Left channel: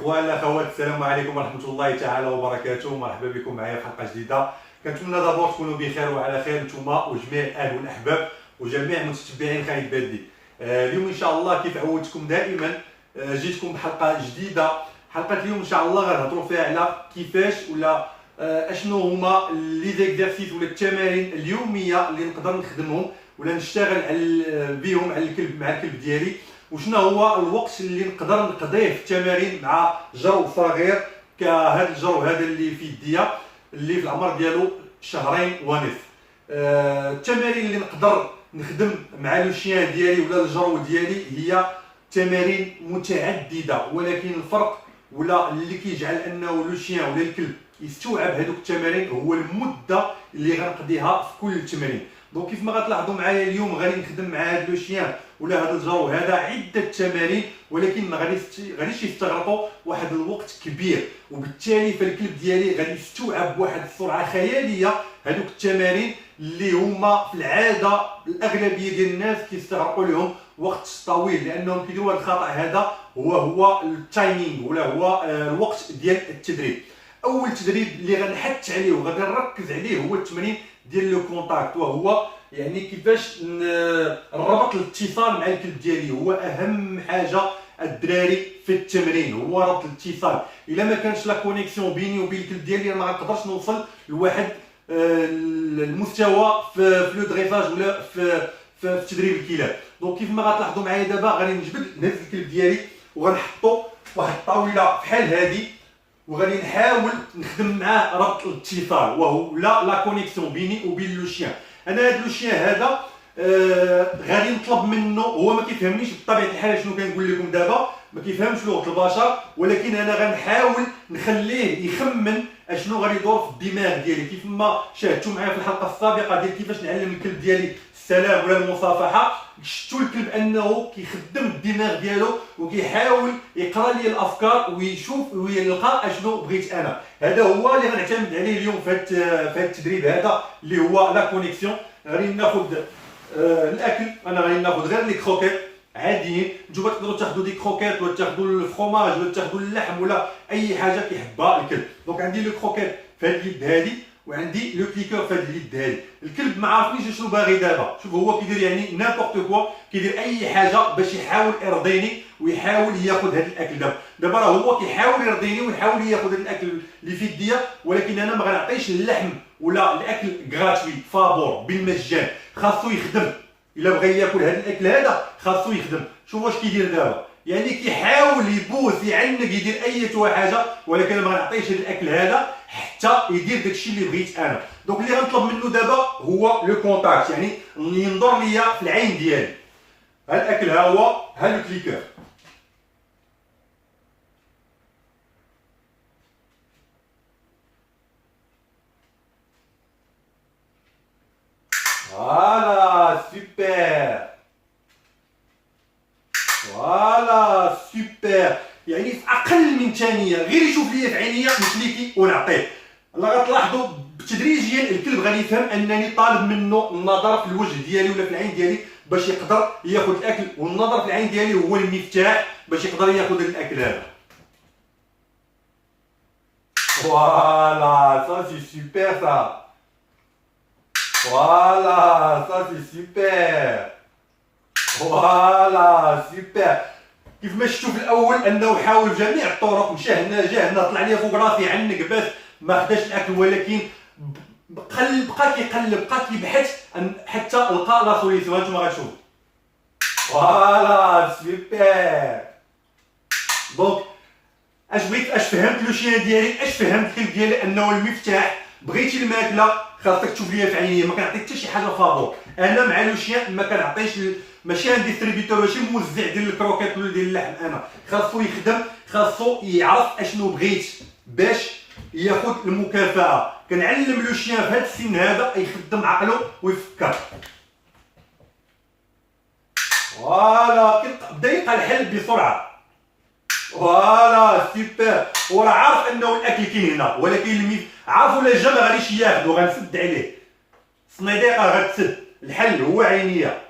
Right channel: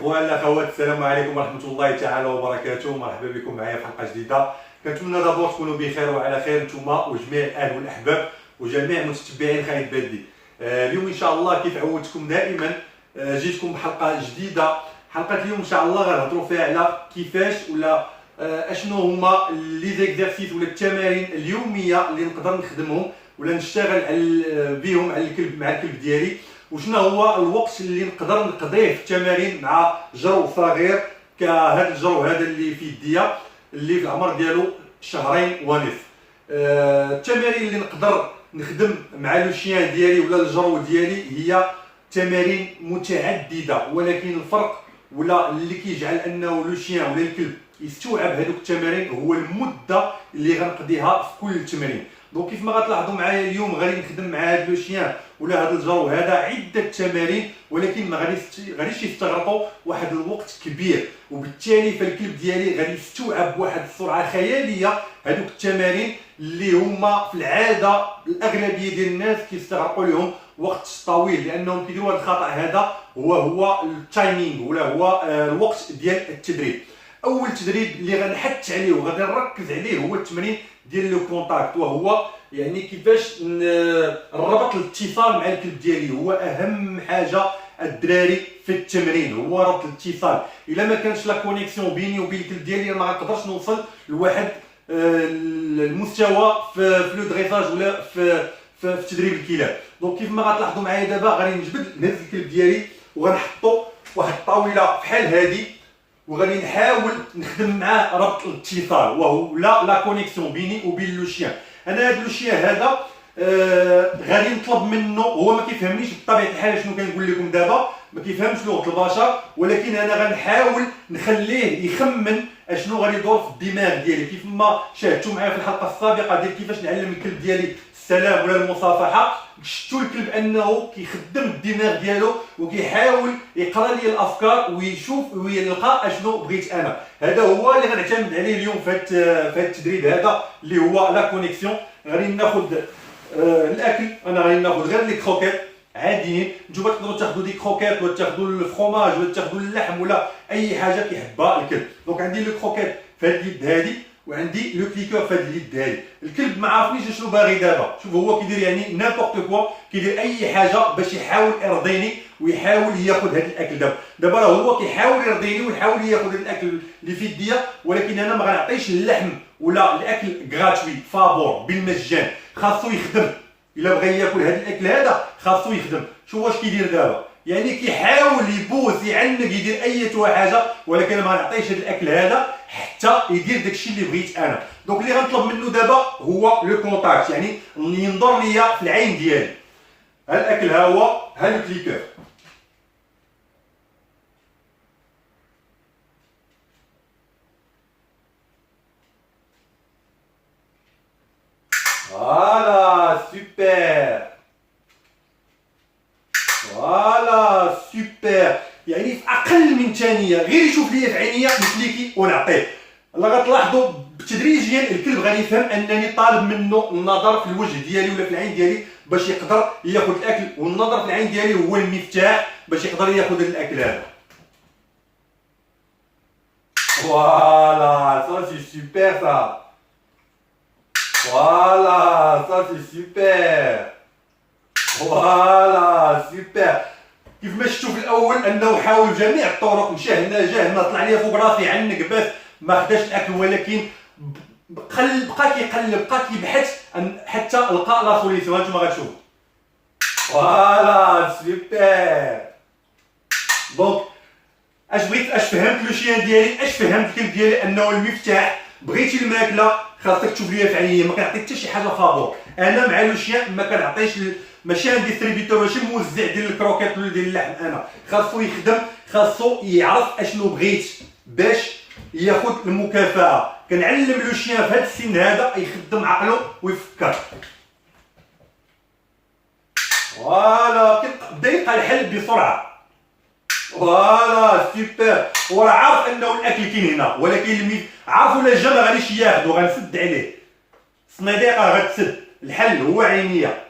اخوان الاخوات، السلام عليكم ورحمه الله تعالى وبركاته. مرحبا بكم معايا في حلقه جديده. كنتمنى دابور تكونوا بخير وعلى خير نتوما وجميع الاهل والاحباب وجميع متتبعين خالد بلدي. اليوم ان شاء الله كيف عودتكم دائما جيتكم بحلقه جديده. حلقه اليوم ان شاء الله غنهضروا فيها على كيفاش ولا اشنو هما لي زيكزارسيس ولا التمارين اليوميه اللي نقدر نخدمهم ولا نشتغل بهم على الكلب مع الكلب ديالي، وشنو هو الوقت اللي نقدر نقضيه في التمارين مع جرو صغير كهذا الجرو هذا اللي في يديا اللي في العمر ديالو شهرين ونصف. التمارين اللي نقدر نخدم مع لو شيان ديالي ولا الجرو ديالي هي تمارين متعدده، ولكن الفرق ولا اللي كيجعل انه لو شيان ولا الكلب يستوعب هذوك التمارين هو المده اللي غنقضيها في كل تمرين. دونك كيف ما غتلاحظوا معايا اليوم غادي نخدم مع هذا لو شيان ولا هذا الجرو هذا عده تمارين، ولكن ما غاديش يستغرقوا واحد الوقت كبير، وبالتالي فالكلب ديالي غادي يستوعب بواحد السرعه خياليه هذوك التمارين اللي هما في العاده الاغلبيه ديال الناس كيستغرقوا لهم وقت طويل، لانهم كيديروا هذا الخطا هذا هو التايمينغ ولا هو الوقت ديال التدريب. اول تدريب اللي غنحث عليه وغادي نركز عليه هو التمرين ديال لو كونتاكت، وهو يعني كيفاش نربط الاتصال مع الكلب ديالي. هو اهم حاجه الدراري في التمرين هو ربط الاتصال. الا ما كانش لا كونيكسيون بيني وبين الكلب ديالي ما غنقدرش نوصل لواحد المستوى في لو دريفاج ولا في تدريب الكلاب. دونك كيف ما غتلاحظوا معايا دابا غادي نجبد نهز الكلب ديالي وغنحطو واحد الطاوله بحال هذه، وغادي نحاول نخدم معاه ربط الاتصال وهو لا كونيكسيون بيني وبين لو شيان. انا هذا لو شيان هذا غادي نطلب منه، هو ما كيفهمنيش بطبيعه الحال شنو كنقول لكم دابا، ما كيفهمش لغه البشر، ولكن انا غنحاول نخليه يخمن اشنو غادي يدور في الدماغ ديالي. كيف ما شاهدتوا معايا في الحلقه السابقه ديال كيفاش نعلم الكلب ديالي السلام ولا المصافحه، شفتوا الكلب انه كيخدم الدماغ ديالو وكيحاول يقرا لي الافكار ويشوف ويلقى اشنو بغيت انا. هذا هو اللي غنعتمد عليه اليوم في هذا التدريب هذا اللي هو لا كونيكسيون. غادي ناخذ الاكل، انا غادي ناخذ غير لي كروكيت عاديين. نتوما تقدروا تاخذوا دي كروكيت ولا تاخذوا الفرomاج ولا تاخذوا اللحم ولا اي حاجه كيحبها الكلب. دونك عندي لو كروكيت في هذه اليد هذه وعندي لو كليكور في هذه اليد هذه. الكلب ما عارفنيش شنو باغي دابا، شوف هو كيدير يعني نيمبورط كوا، كيدير اي حاجه باش يحاول يرضيني ويحاول ياخذ هذا الاكل. دابا راه هو كيحاول يرضيني ويحاول ياخذ هذا الاكل اللي في يديا، ولكن انا ما غنعطيش اللحم ولا الاكل غراتوي فابور بالمجان، خاصو يخدم. الا بغى ياكل هذا الاكل هذا خاصو يخدم. شوف واش كيدير دابا، يعني كيحاول يبوس يعنق يدير اي حاجه، ولكن انا ما غنعطيش هذا الاكل هذا حتى يدير داكشي اللي بغيت انا. دونك اللي غنطلب منه دابا هو لو كونتاكت، يعني ينظر ليا في العين ديالي. ها الاكل ها هو، ها لو كليكور. فوالا سوبر، فوالا سوبر. يعني في اقل من ثانيه غير يشوف ليا في عينيا نكليكي ونعطيه. الله غتلاحظوا تدريجيا الكلب غادي يفهم انني طالب منه النظر في الوجه ديالي ولا في العين ديالي باش يقدر ياخذ الاكل، والنظر في العين ديالي هو المفتاح باش يقدر ياخذ الاكل هذا. فوالا سا سي سوبر سا، فوالا سا سي سوبر، فوالا سوبر. كيف ما شفتوا في الاول انه حاول بجميع الطرق، مشى هنا جا هنا طلع لي فوق راسي عنق باش ما خداش الاكل، ولكن بقى كيقلب بقى كيبحث حتى لقى لا سوليسيون. هانتوما غتشوفوا فوالا سوبر. دونك اش بغيت، اش فهمت لو شيان ديالي، اش فهمت الكلب ديالي انه المفتاح. بغيتي الماكله خاصك تشوف ليا في عينيا، ما كنعطيك حتى شي حاجه فابور. انا مع لو شيان ما كنعطيش، ماشي عندي ديستريبيتور، ماشي موزع ديال الكروكيت ولا ديال اللحم. انا خاصو يخدم، خاصو يعرف اشنو بغيت باش ياخذ المكافاه. كنعلم لو شيان في هذا السن هذا يخدم عقله ويفكر. فوالا كيبدا يلقى الحل بسرعه. فوالا سوبر. وراه عارف انه الاكل كاين هنا، ولكن عارف ولا جا ما غاديش ياخذ وغنسد عليه. الصنيديقه غتسد، الحل هو عينيا.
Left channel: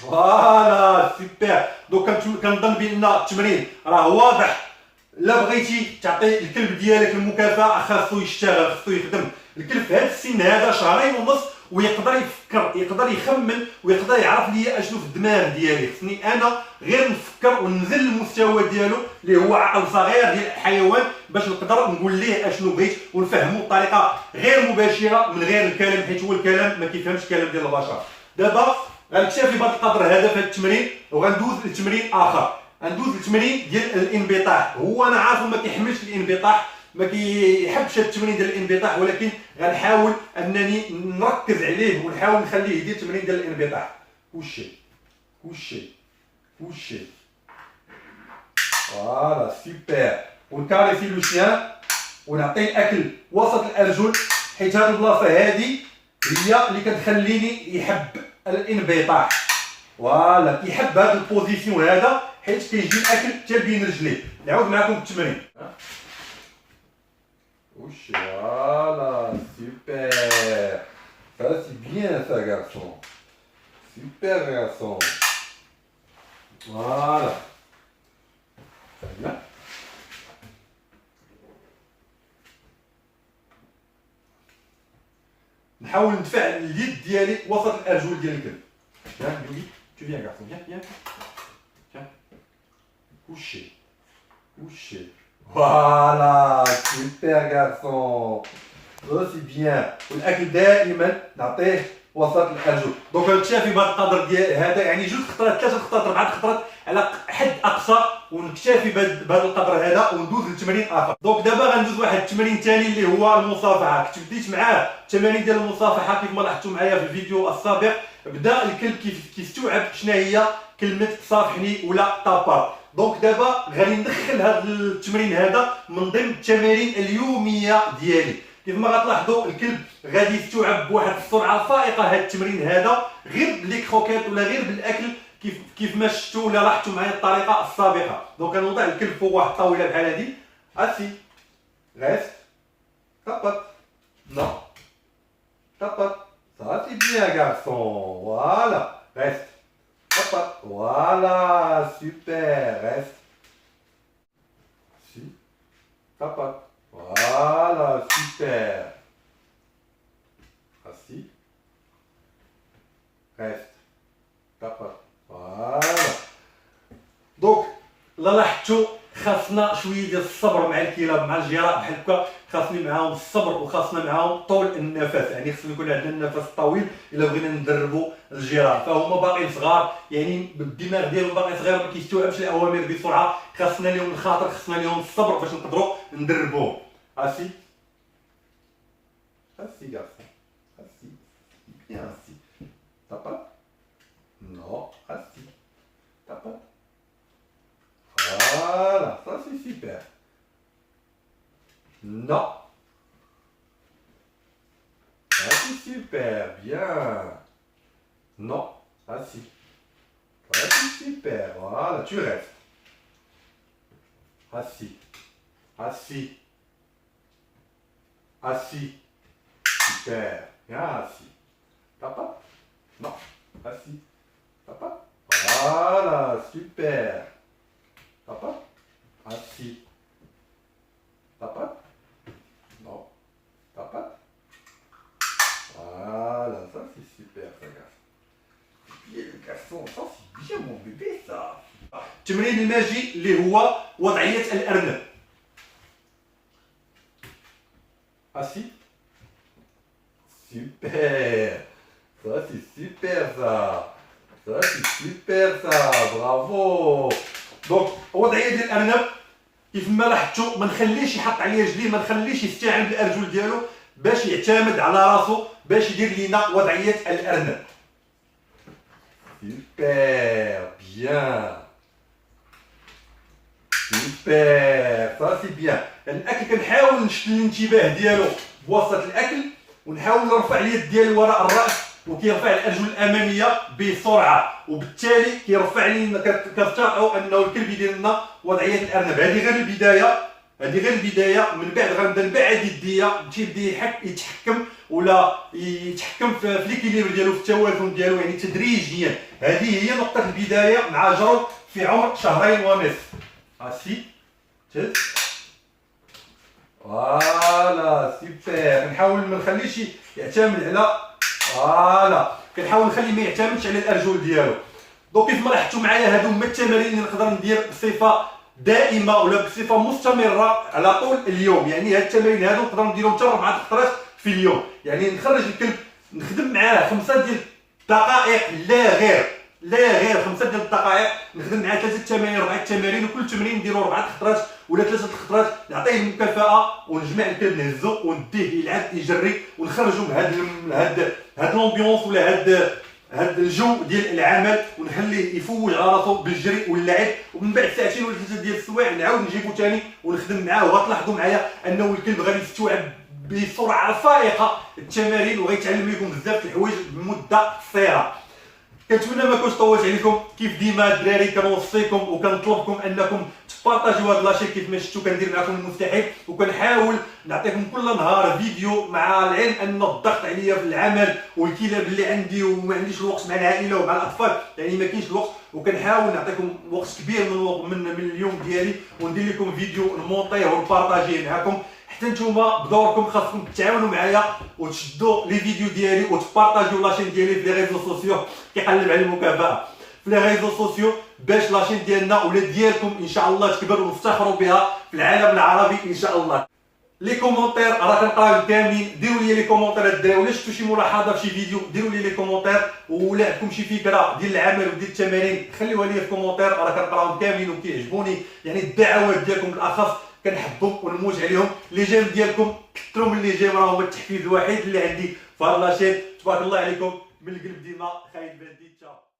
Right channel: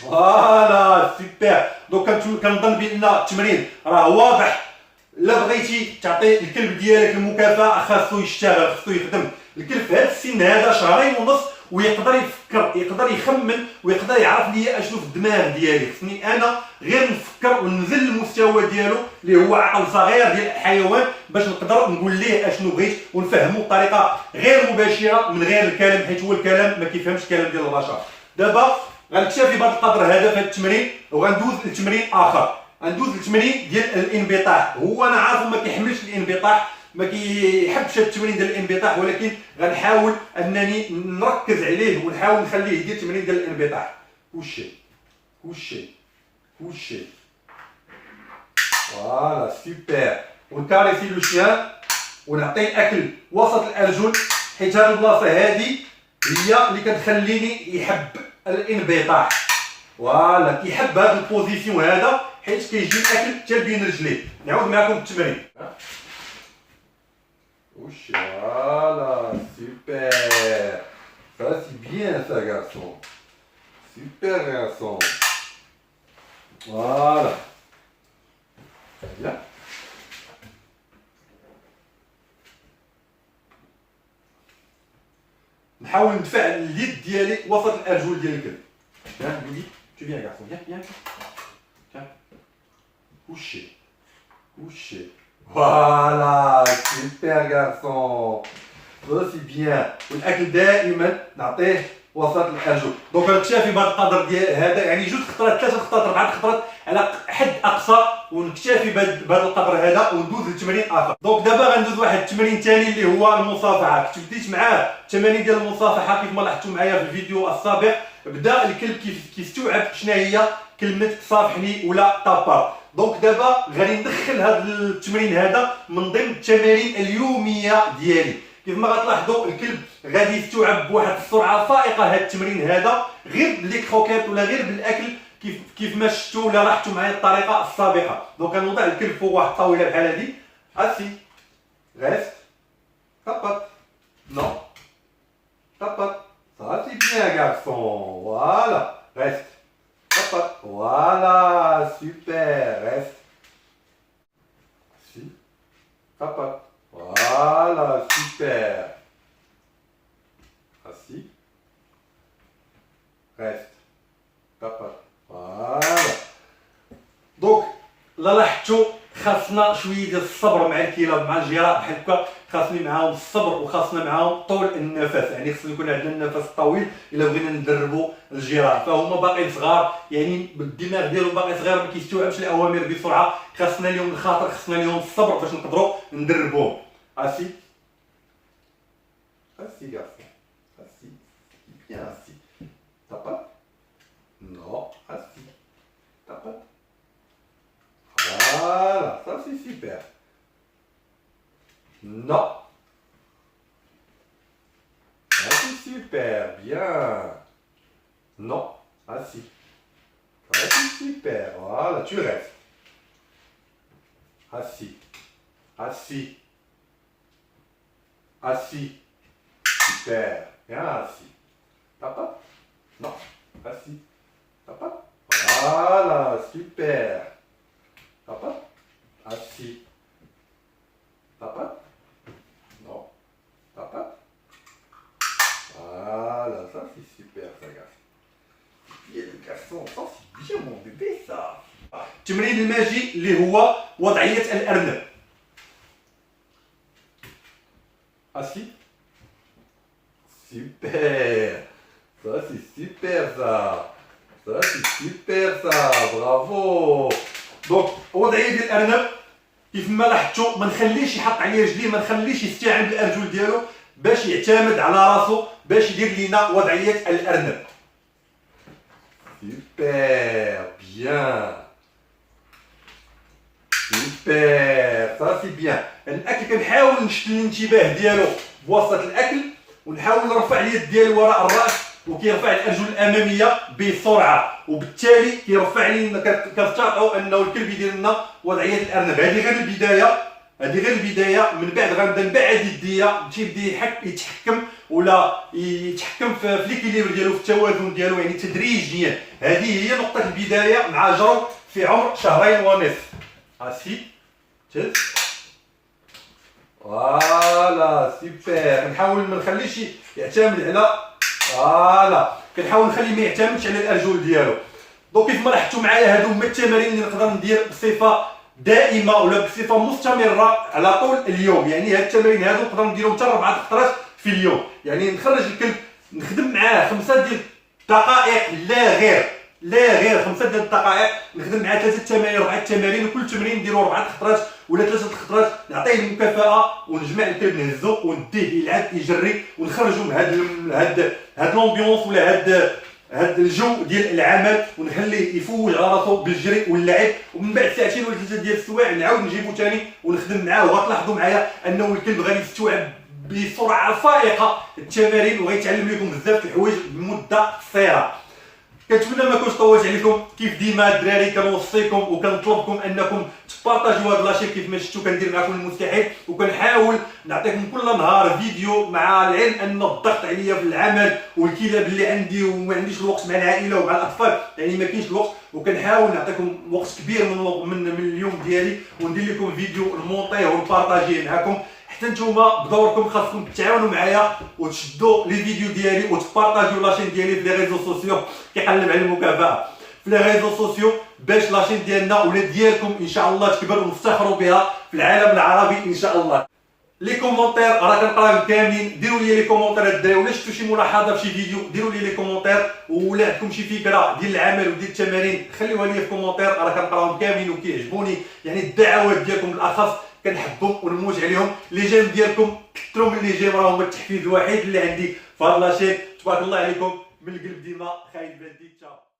فوالا سوبر. دونك كنظن بان التمرين راه واضح. لا بغيتي تعطي الكلب ديالك المكافاه خاصو يشتغل، خاصو يخدم. الكلب في هذا السن هذا شهرين ونص ويقدر يفكر، يقدر يخمن، ويقدر يعرف لي اشنو في الدماغ ديالي. خصني انا غير نفكر وننزل المستوى ديالو اللي هو عقل صغير ديال الحيوان باش نقدر نقول ليه اشنو بغيت ونفهمو بطريقه غير مباشره من غير الكلام، حيت هو الكلام ما كيفهمش الكلام ديال البشر. دابا غنكتفي بهذا القدر هذا في هذا التمرين، وغندوز لتمرين اخر. غندوز للتمرين ديال الانبطاح. هو انا عارف ما كيحملش الانبطاح، ما كيحبش هذا التمرين ديال الانبطاح، ولكن غنحاول انني نركز عليه ونحاول نخليه يدير التمرين ديال الانبطاح. كلشي كلشي كلشي فوالا سوبر. ونكاريسي لو شيان ونعطيه الاكل وسط الارجل، حيت هذه البلاصه هذه هي اللي كتخليني يحب الانبطاح. فوالا كيحب هذا البوزيسيون هذا حيت كيجي الاكل حتى بين رجليه. نعاود معكم التمرين. وش فوالا سوبر. Ça c'est bien ça garçon. Super garçon. Voilà. Très bien. نحاول ندفع اليد ديالي وسط الارجل ديال الكلب. ها لولي tu viens garçon viens viens tiens couché couché. Voilà super garçon. Ça c'est bien. والاكل دائما نعطيه وسط الارجل. دونك نكتفي بهذا القدر ديال هذا، يعني 2 خطرات 3 خطرات 4 خطرات على حد اقصى، ونكتفي بهذا القدر هذا وندوز لتمرين اخر. دونك دابا غندوز واحد التمرين ثاني اللي هو المصافحه. كنت بديت معاه التمارين ديال المصافحه كيف ما لاحظتوا معايا في الفيديو السابق. بدا الكلب كيستوعب شنو هي كلمه صافحني ولا طابا. دونك دابا غادي ندخل هذا التمرين هذا من ضمن التمارين اليوميه ديالي. كيف ما غتلاحظوا الكلب غادي يستوعب بواحد السرعه فائقه هذا التمرين هذا، غير بلي كروكيت ولا غير بالاكل كيف ما شفتوا ولا لاحظتوا معايا الطريقه السابقه. دونك غنوضع الكلب فوق واحد الطاوله بحال هذه. اسي ريست طبط نو طبط. Ça c'est bien garçon. Voilà reste طبط. Voilà super reste si طبط. Voilà super. Assis. Reste. طبط. Voilà. دونك لا لاحظتوا خاصنا شويه ديال الصبر مع الكلاب مع الجراء بحال هكا. خاصني معاهم الصبر وخاصنا معاهم طول النفس، يعني خصنا يكون عندنا النفس الطويل الا بغينا ندربوا الجراء. فهما باقيين صغار، يعني الدماغ ديالهم باقي صغير ما كيستوعبش الاوامر بسرعه. خاصنا لهم الخاطر، خاصنا لهم الصبر باش نقدروا ندربوهم. اسي اسي garçon اسي bien assis. طبط نو اسي طبط. Voilà, ça c'est super. Non. Ça c'est super, bien. Non, assis. Ça c'est super, voilà, tu restes. Assis. Assis. Assis. Super, bien assis. Papa? Non, assis. Papa? Voilà, super. Papa? Assis. Papa? Non. Papa? Voilà, ça c'est super ça garçon. Bien le garçon, ça c'est bien mon bébé ça. التمرين الماجي اللي هو وضعية الأرنب. Assis. Super. Ça c'est super ça. Ça c'est super ça. Bravo. دونك الوضعيه ديال الارنب كيف ما لاحظتوا ما نخليش يحط عليه رجليه، ما نخليش يستعين بالارجل ديالو باش يعتمد على راسو باش يدير لينا وضعيه الارنب. سوبر بيان سوبر صافي سي بيان. الاكل كنحاول نشد الانتباه ديالو بواسطه الاكل، ونحاول نرفع اليد ديالي وراء الراس، وكيرفع الارجل الاماميه بسرعه، وبالتالي كيرفع لنا كتفترضوا انه الكلب يدير لنا وضعيه الارنب. هذه غير البدايه، هذه غير البدايه. من بعد غنبدا نبعد يديا تيبدا يتحكم ولا يتحكم في ليكيليبر ديالو، في التوازن ديالو، يعني تدريجيا. هذه هي نقطه البدايه مع جرو في عمر شهرين ونصف. هاسي تهز فوالا سيبر. نحاول ما نخليش يعتمد على فوالا، كنحاول نخليه ما يعتمدش على الارجل ديالو. دونك كيف ما لاحظتوا معايا هادو هما التمارين اللي نقدر ندير بصفه دائمه ولا بصفه مستمره على طول اليوم. يعني هاد التمارين هادو نقدر نديرهم حتى 4 خطرات في اليوم. يعني نخرج الكلب نخدم معاه 5 ديال الدقائق، لا غير 5 ديال الدقائق، نخدم معاه 3 تمارين 4 تمارين، وكل تمرين نديرو 4 خطرات ولا 3 خطرات، نعطيه المكافاه ونجمع الكلب نهزو ونديه يلعب يجري ونخرجو من هاد لومبيونس ولا هاد الجو ديال العمل، ونخليه يفوج على راسو بالجري واللعب. ومن بعد ساعتين ولا 3 ديال السوايع نعاود نجيبو ثاني ونخدم معاه. وغتلاحظوا معايا انه الكلب غادي يستوعب بسرعه فائقه التمارين وغيتعلم لكم بزاف د الحوايج بمده قصيره. كنتمنى ما كنتش طولت عليكم. كيف ديما الدراري كنوصيكم وكنطلبكم انكم تبارطاجيو هاد لاشين كيف ما شفتوا كندير معكم المستحيل، وكنحاول نعطيكم كل نهار فيديو، مع العلم ان الضغط عليا في العمل والكلاب اللي عندي وما عنديش الوقت مع العائله ومع الاطفال، يعني ما كاينش الوقت. وكنحاول نعطيكم وقت كبير من اليوم ديالي وندير لكم فيديو نمونطيه ونبارطاجيه معكم. حتى نتوما بدوركم خاصكم تتعاونوا معايا وتشدوا لي فيديو ديالي وتبارطاجيو لاشين ديالي في لي ريزو سوسيو. كيقلب على المكافاه في لي ريزو سوسيو باش لاشين ديالنا ولا ديالكم ان شاء الله تكبر ونفتخروا بها في العالم العربي ان شاء الله. لي كومونتير راه كنقراهم كاملين. ديروا لي لي كومونتير الدراري، ولا شفتوا شي ملاحظه في شي فيديو ديروا لي لي كومونتير، ولا عندكم شي فكره ديال العمل وديال التمارين خليوها لي في كومونتير، راه كنقراهم كاملين وكيعجبوني. يعني الدعوات ديالكم بالاخص كنحبهم ونموت عليهم. لي جيم ديالكم كثروا من لي جيم، راه هما التحفيز الوحيد اللي عندي في هاد لاشين. تبارك الله عليكم من القلب ديما. خالد بلدي. تشاو.